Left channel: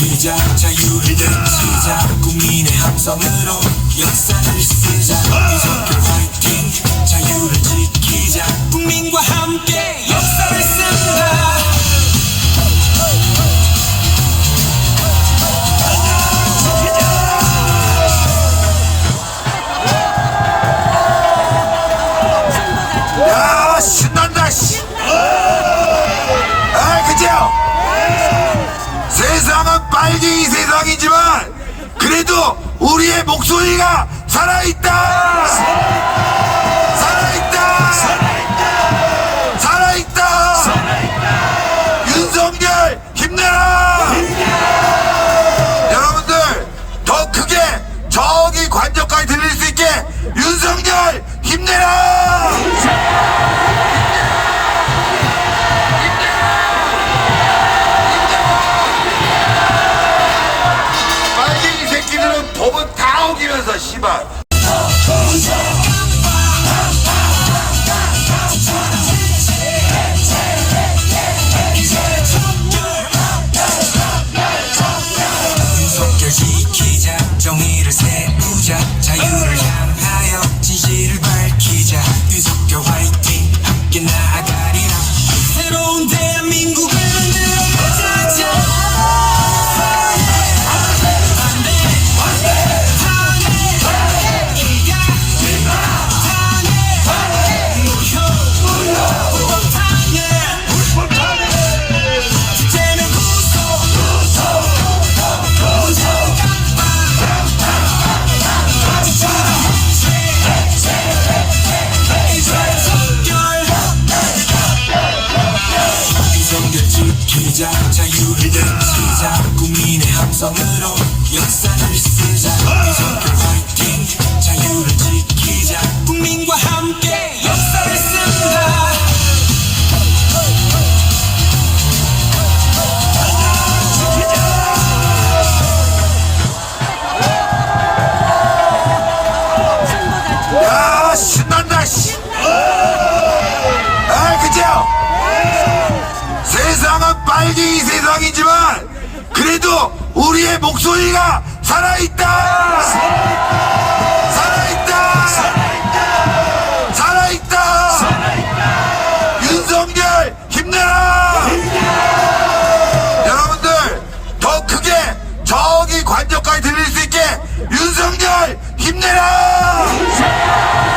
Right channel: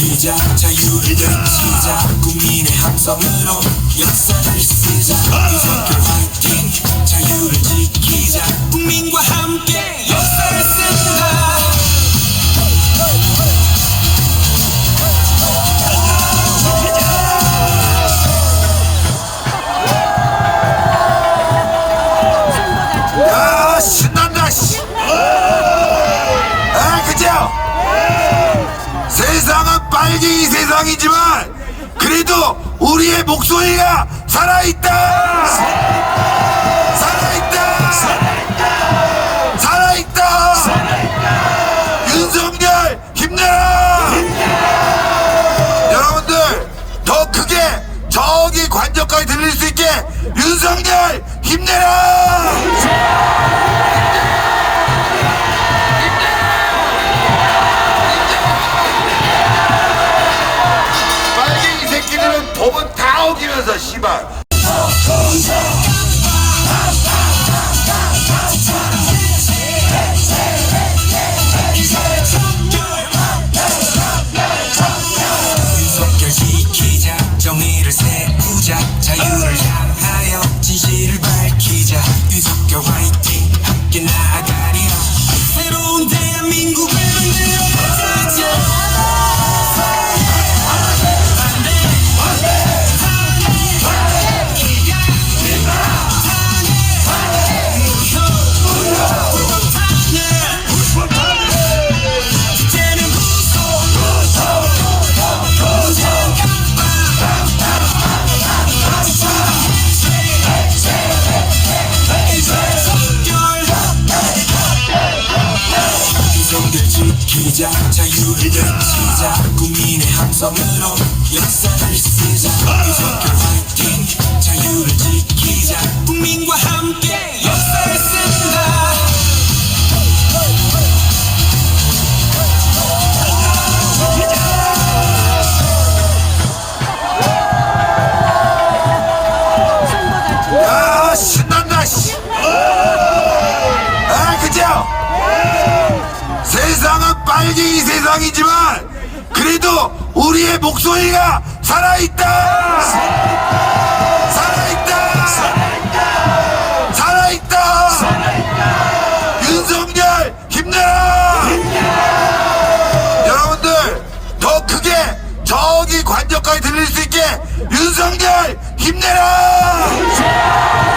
지키자 자유를 지키자. 국민의 함성으로 역사를 쓰자. 이렇게 화이팅. 자유를 지키자. 국민과 함께 역사를 쓰자. 야 신난다 아, 그죠? 세상은 빨갱이 세상이지만 그래도 우리의 목소리가 살아있다. 살아있다. 살아있다. 윤석열 힘내라. 여러분들 더 크게 저기 관저까지 들릴 수 있게 윤석열 힘내라 씨발. 정의를 세우자 자유를 향하여 진실을 밝히자 지키자 자유를 지키자 국민의 함성으로 역사를 쓰자. 이석 세상은 빨갱이 세상이지만 그래도 우리의 목소리가 살아있다. 살아있다. 살아있다. 윤석열 힘내라. 여러분들 더 크게 저기 관저까지 들릴 수 있게 윤석열 힘내라. 빨갱이